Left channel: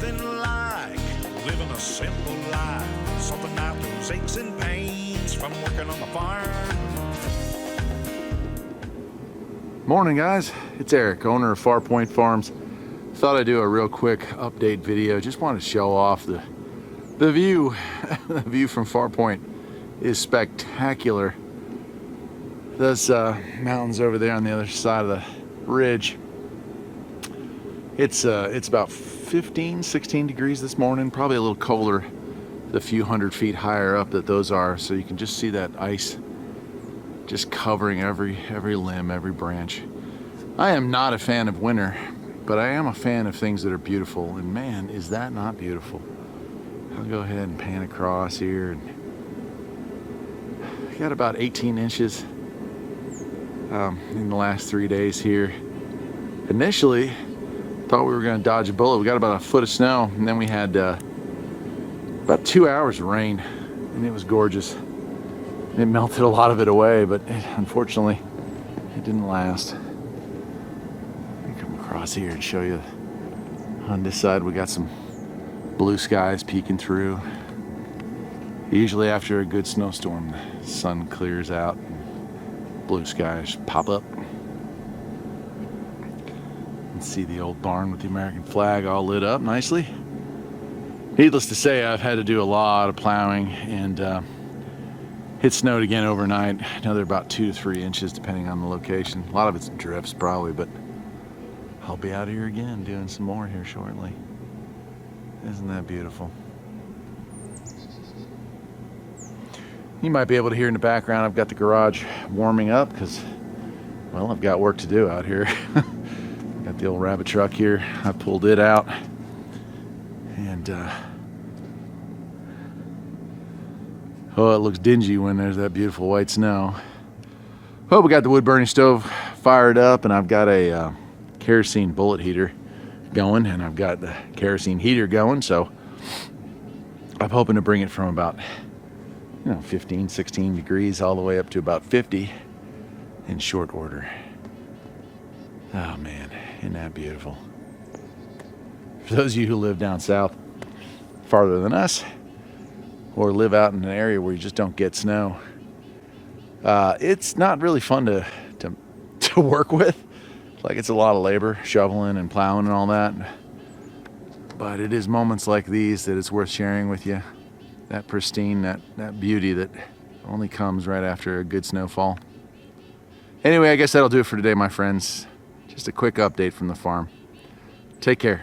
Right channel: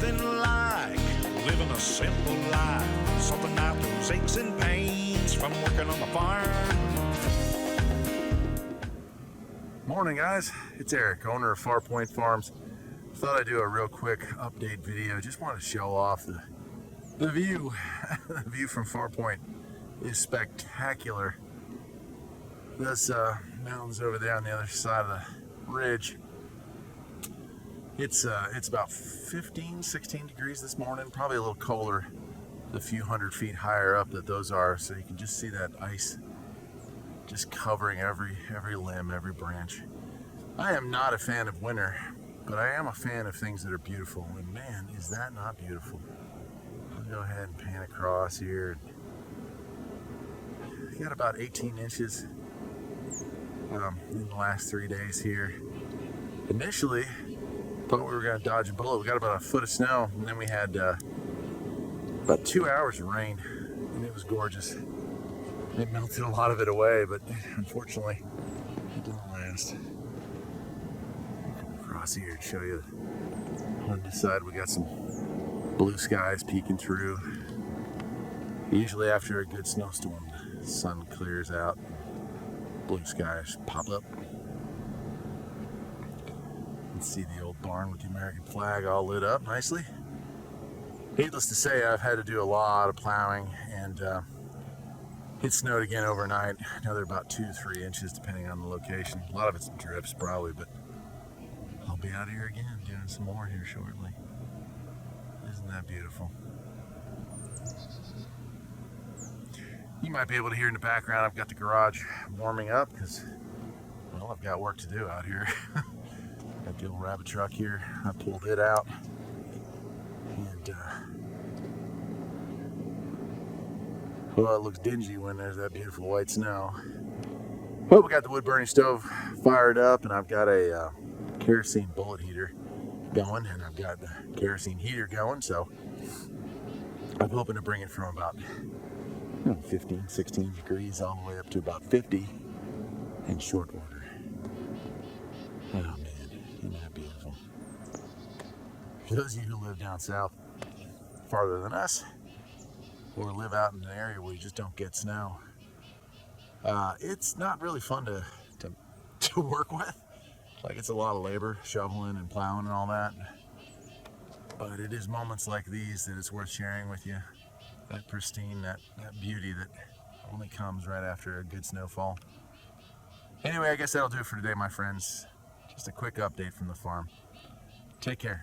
nothing like living a simple life. Something out those aches and pains from working on the farm. Morning guys, it's Eric, owner of Farpoint Farms. Thought I'd do a real quick update video. Just wanted to show off the view. The view from Farpoint is spectacular. Those mountains over there on the other side of the ridge. It's about 15, 16 degrees this morning, probably a little colder the few hundred feet higher up that those are. So you can just see that ice just covering every limb, every branch. I am not a fan of winter, but I am a fan of things that are beautiful, and man, is that not beautiful. I'll go ahead and pan across here. And we got about 18 inches in the last 3 days here. Initially, thought we were going to dodge a bullet. We got about a foot of snow, and then we had about 2 hours of rain, and it was gorgeous. It melted a lot of it away, but unfortunately, it didn't last. Let me come across here and show you. On this side, we got some blue skies peeking through. Usually after a good snowstorm, the sun clears out, and blue skies pop up. You can see the old barn with the American flag all lit up nicely. Needless to say, I've had to do a lot of plowing, and it snowed again overnight. Another about 2 to 3 inches depending on the location. A lot of it's drifts probably, but I'll be out here again doing some more here shortly. Isn't that beautiful? You might be able to hear in the background, I've got the garage warming up because, well, I've got work to do out here. Got the old rabbit truck here. I pulled it out, and oh, it looks dingy when there's that beautiful white snow. Well, we got the wood burning stove fired up, and I've got a kerosene bullet heater going, and I've got the kerosene heater going, so I'm hoping to bring it from about 15, 16 degrees all the way up to about 50 in short order. Oh man, isn't that beautiful? For those of you who live down south farther than us, or live out in an area where you just don't get snow, it's not really fun to work with. Like, it's a lot of labor, shoveling and plowing and all that. But it is moments like these that it's worth sharing with you. That pristine, that beauty that only comes right after a good snowfall. Anyway, I guess that'll do it for today, my friends. Just a quick update from the farm. Take care.